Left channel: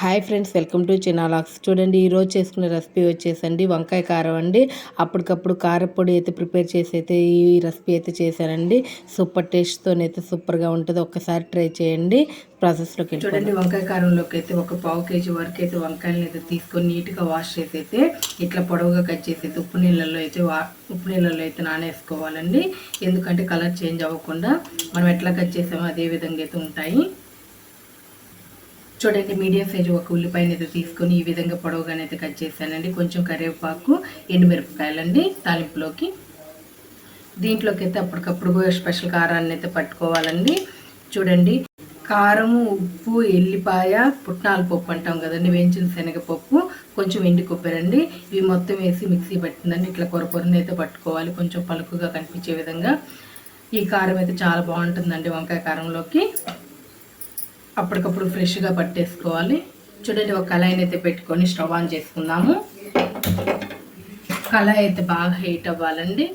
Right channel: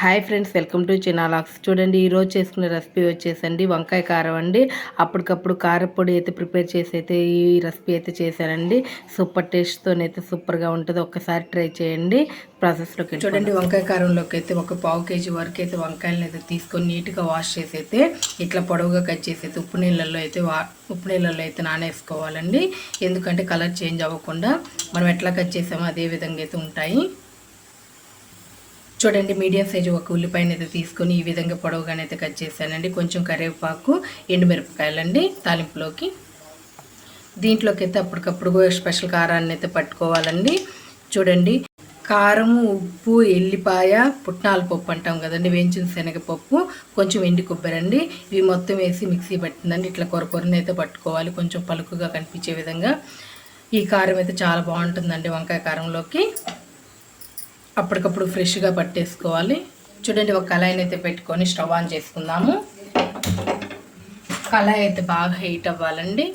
Hi friends welcome to చినాలాక్స్ చూడండి ఈరోజు చేసుకునే రెసిపీ వచ్చేసండి వంకాయ కారం అండి. అప్పటికప్పుడు కారపొడి అయితే ప్రిపేర్ చేసి అయితే ఈ రెసిపీ అయితే చేశానండి. సూపర్ టేస్ట్తోనైతే సూపర్గా ఉంటుంది. ఒక్కసారి ట్రై చేయండి. ప్రాసెస్లోకి చూడండి వంకాయ కారంలోకి అయితే ఒక పావు కేజీ వరకు అయితే వంకాయలను అయితే తీసుకొని నీట్గా వాష్ చేసి అయితే ఇట్లా పొడవుగా కట్ చేసి అయితే ఉప్పు నీళ్ళల్లో అయితే వా ఉప్పు నీళ్ళల్లో అయితే నానేసుకోవాలండి. ఎందుకంటే కలర్ చేంజ్ అవ్వకుండా మనం ఎట్లా కట్ చేసామో అదే విధంగా అయితే ఉంటాయి. చూడండి మీడియం సైజు ఒక ఉల్లిపాయనైతే అయితే తీసుకొని ఈ విధంగా పొడవుగానైతే కట్ చేశానండి. కొంచెం కరివేపాకు ఎండుమిరపకాయలండి తాలింపులోకి. దీంట్లోకి అయితే అప్పటికప్పుడు స్పెషల్ కారాన్ని అయితే పట్టుకోవాలండి. చూడండి కారం ఉప్పు ఎల్లిపాయ పుట్నాల పప్పు అంటాం కదండి వేయించిన శనగపప్పు కొంచెం ఎండి కొబ్బరండి. ఇవి మొత్తం వేసి మిక్సీ పట్టిందండి. ఇట్లా కొరపొరని అయితే పట్టుకోవాలి కొంచెం పలుకుగా కనిపించే విధంగా. ఈ కారం అయితే చాలా బాగుంటుందండి వంకాయ కారంలోకి. అప్పటికప్పుడు ఫ్రెష్గా పట్టేసుకోవాలి. చూడండి ఒక కళాయిని అయితే పెట్టుకొని స్టవ్ ఆన్ చేసుకుందాము. కళాయి అయితే బాగా హీట్ అవ్వాలండి.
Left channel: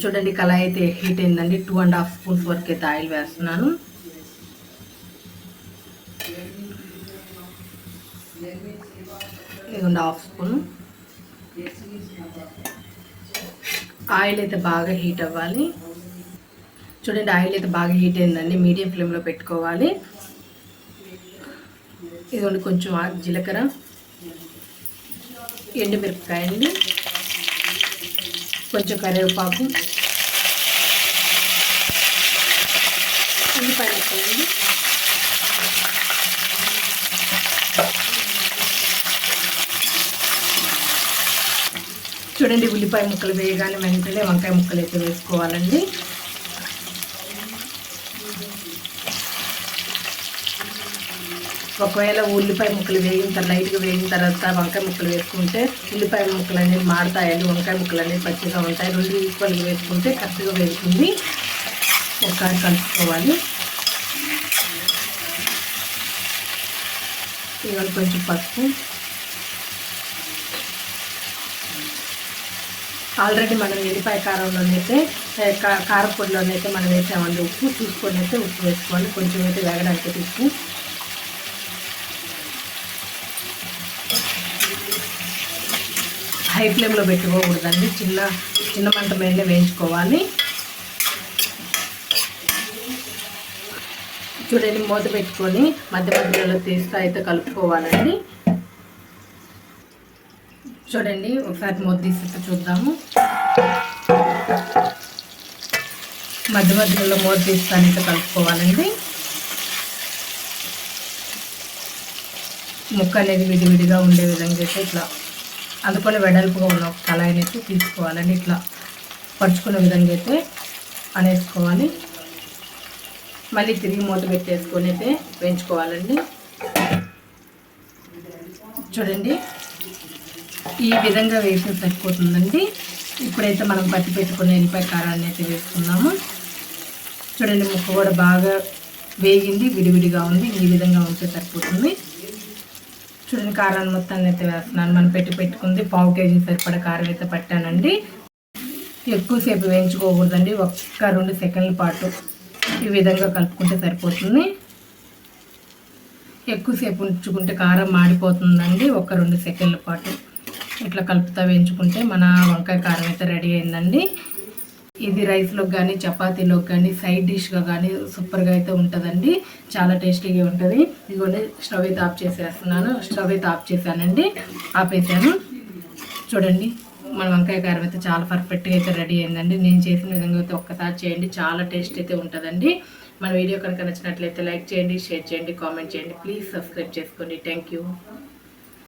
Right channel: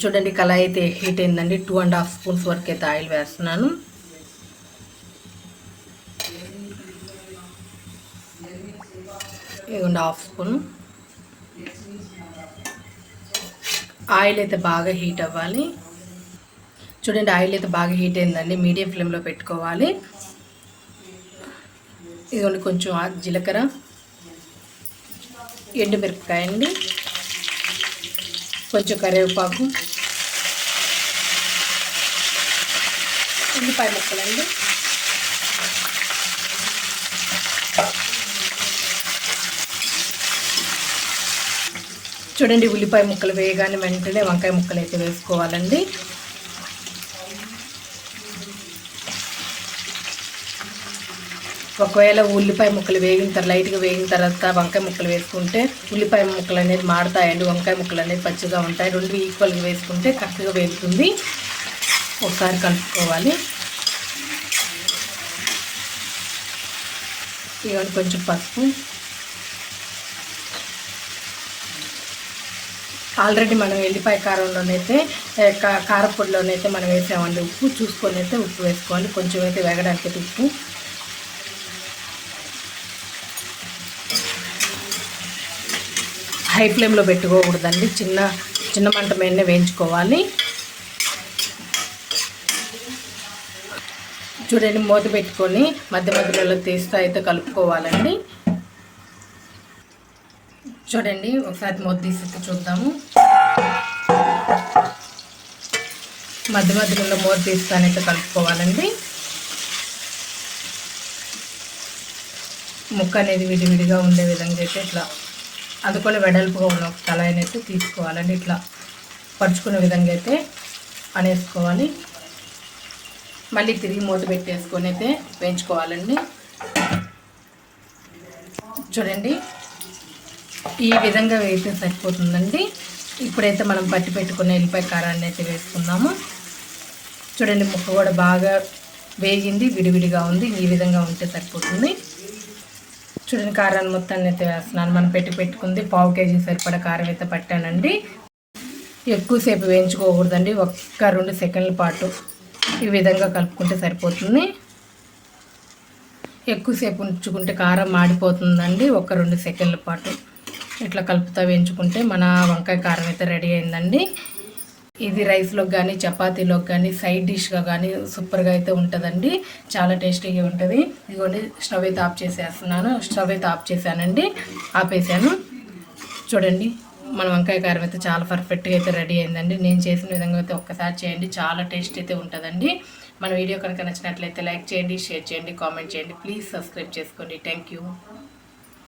చూడండి కళాయి అయితే హీట్ అయిందండి. టూ అండ్ హాఫ్ స్పూన్స్ వరకు అయితే ఆయిల్ వేస్తున్నాను. ఇదిగోండి హాఫ్ స్పూన్ ఆయిల్ అయితే బాగా హీట్ అవ్వాలి. చూడండి ఆయిల్ అయితే బాగా హీట్ అయిందండి. మీడియం ఫ్లేమ్లో పెట్టుకోవాలి. ఇదిగోండి కొంచెం జీలకర్ర ఎండుమిరపకాయ అండి కొంచెం కరివేపాకు ఉల్లిపాయ ముక్కలండి చూడండి ఉల్లిపాయ ముక్కలు వేయగానే వెంటనే వంకాయ ముక్కలు అయితే వేసుకోవాలండి. ఒకవేళ ఉల్లిపాయ ముక్కలు వేగిన తర్వాత లైట్గా వేగిన తర్వాత వంకాయ ముక్కలు వేసుకుంటే ఉల్లిపాయ ముక్కలు అనేది మాడతాయండి. వంకాయ ముక్కలు అనేది పచ్చిగా ఉంటాయి. రెండు ఈక్వల్గా వేసుకుంటే కరెక్ట్గా వేస్తుంది ఒకసారి కలుపుకోవాలి. ఇవన్నీ కొంచెం పసుపు. ఆల్రెడీ మనం ఎల్లిపాయ కారంలోనైతే కారపొడిలోనైతే మనం వేసామండి ఉప్పు. చూసుకొని అయితే ఉప్పు వేసుకోవాలి. కొంచెం అయితే వేగడానికి ఉప్పు. హై ఫ్లేమ్లో పెట్టుకోకూడదండి. చిన్న చిన్న మంట మీదనే వేయించుకోవాలి. చూడండి మూత పెట్టుకొని మధ్య మధ్యలో తీస్తూ అయితే కలుపుకోవాలండి. చూడండి ఒకసారి మూత తీసి చూద్దాము. మధ్య మధ్యలో మూత తీస్తానైతే కలుపుకోవాలండి. ముక్క అనేది విడివిడిగా ఉండే విధంగా అయితే ఇట్లా అందుకొని వెడల్పుగా ఉన్న ఒక కళాయిని అయితే తీసుకోవాలండి ఇట్లా పరుచుకునే విధంగా అయితే అనేసుకోవాలి. మళ్ళీ తిరిగి మూత పెట్టేసుకొని అయితే వేయించుకోవాలండి. చూడండి ఈ విధంగా వేస్తే సరిపోతుందండి. ఇప్పుడైతే మనం పట్టి పెట్టుకున్న ఎల్లిపాయ కారాన్ని అయితే వేసుకుందాము. చూడండి ముక్క కూడా బాగా వేగింది విడివిడిగా ఉంది. ఈ విధంగా ఉంటే సరిపోతుంది. చూడండి కారాన్ని మొత్తాన్ని అయితే వేస్తున్నాను. మనం పెట్టి పెట్టుకుంది పావు కేజీ సరిపడా కారం అయితే పట్టానండి. ఎక్కువసేపు వేయించుకోకూడదండి. ఒక్క రెండు సెకండ్ల పాటు ఈ విధంగా కలుపుకుంటే సరిపోతుంది. ఎక్కువసేపు ఉంచుకుంటే కారం మాడిపోతుందండి. ఒక రెండు సెకండ్ల పాటు ఇట్లా కలుపుతా వేయించుకుంటే మన వంకాయ కారం అయితే రెడీ అయిందండి. ఇది రైస్లోకి కానీ చపాతీలోకి కానీ సైడ్ డిష్గా కానీ సూపర్గా అయితే ఉంటుందండి. చాలా టేస్టీగా ఉంటుంది. ఇదిగోండి స్టవ్ అయితే ఆఫ్ చేసేస్తున్నాను. స్టవ్ అయితే ఆఫ్ చేశానండి. ఆపేసాను. చూడండి మన వంకాయ కారం అయితే చాలా పర్ఫెక్ట్గా అయితే రెడీ అయిందండి. నేను చేసిన విధంగా అయితే ఒక్కసారి చేయండి. చాలా టేస్ట్ అయితే ఉంటుందండి. మన వీడియో కనుక నచ్చినట్లయితే లైక్ చేయండి షేర్ చేయండి కామెంట్ చేయండి. ప్లీజ్ సబ్స్క్రైబ్ చేసుకోండి. Thank you.